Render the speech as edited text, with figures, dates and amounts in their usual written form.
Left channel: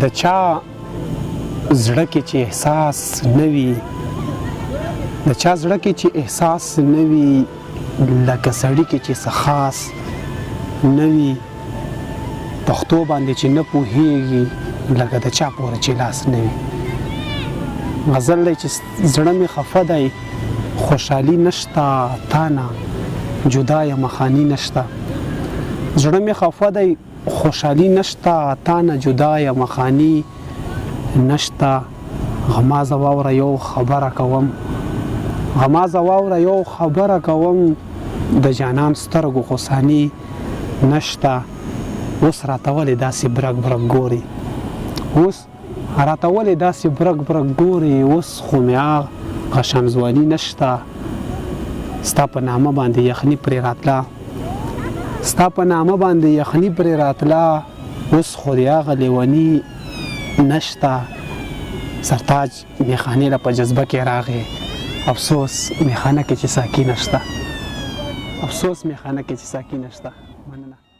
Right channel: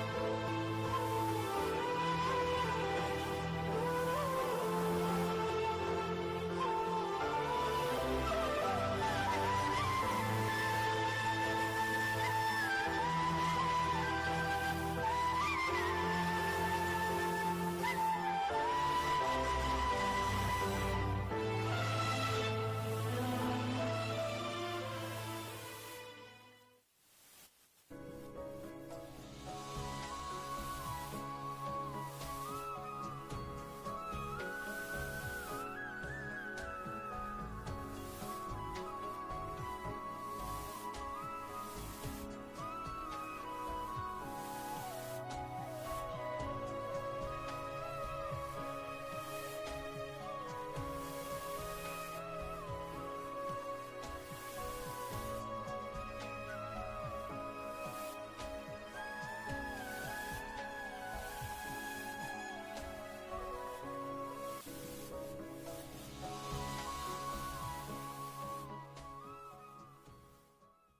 د چا زړه کې چې احساس نه وي د چا زړه کې چې احساس نه وي لکه سړي کې چې څه خاص نه وي پښتو باندې چې نه پوهېږي لکه د چا پورې چې لاس نه وي غزل دی چې زړه مې خفه دی خوشحالي نشته تا نه جدا یم خاني نشته زړه مې خفه دی خوشحالي نشته تا نه جدا یم خاني نشته غمازه واوره یو خبره کوم غمازه واوره یو خبره کوم د جانان سترګو غوساني نشته اوس راته ولې داسې برګ برګ ګوري اوس راته ولې داسې برګ برګ ګوري اوس خو مې غشم ځواني نشته ستا په نامه باندې یخني پرې راتله ستا په نامه باندې یخني پرې راتله اوس خو د هغه لیوني نشته سرتاج میخانې له په جذبه کې راغی افسوس میخانه کې چې ساقي نشته افسوس میخانه کې چې ساقي نشته مننه